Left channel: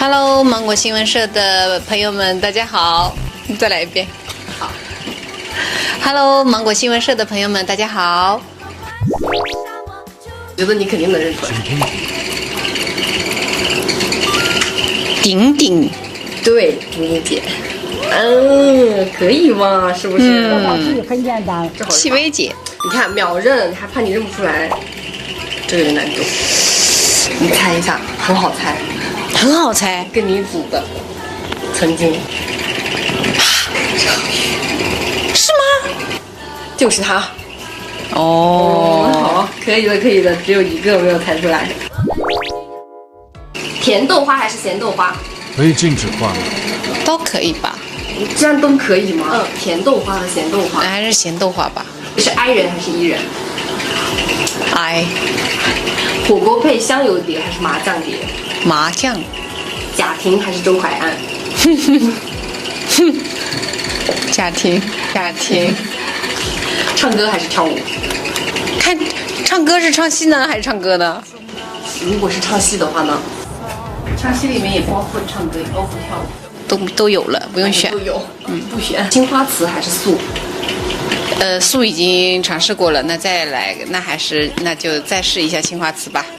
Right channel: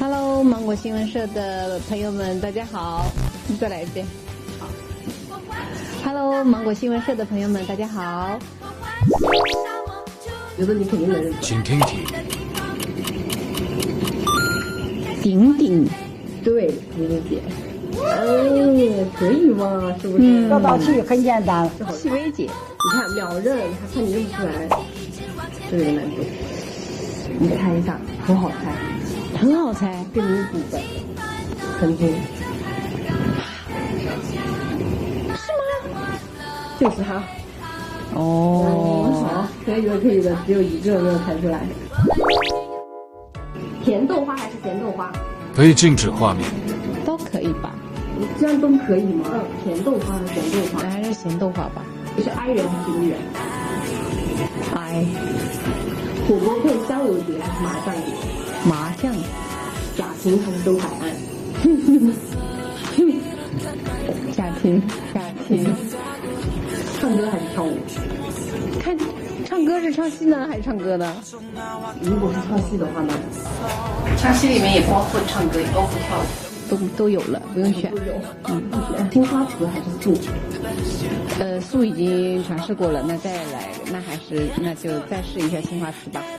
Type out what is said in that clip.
Hello， 芒果新闻社的朋友们，大家好。再来一遍。好。Hello， 芒果新闻社的朋友们，大家好。觉得你肯定能认出来。请听题。顶顶，对，顶顶姐。可以嘛？是不是？这道题很简单。戚薇姐，你看秒认，还怕你认不出来，这个有难度。你猜一下，很好猜，很好猜。跟你组的，曾经。是吗？就是他。哦，好，可以的，可以的，只有一个没有猜出来。甜豆花还是咸豆花？可以禁止换吗？都可以吧？这样都可以吗？甜豆花和咸豆花。还是咸豆花吧。是 I 人还是 E 人 I 火锅配香油碟还是麻酱碟？麻酱。贾婷还是周海岸？贾婷，贾婷。唱歌还是跳舞？看，唱歌是唱戏呢，还是唱歌呢？如果是唱戏的话呢？唱戏里面也包括唱歌，也包括跳舞，都有了，不用选。都有，不选。青花瓷还是素？素已经尝试过了，那再来，那就再试一下青花瓷吧。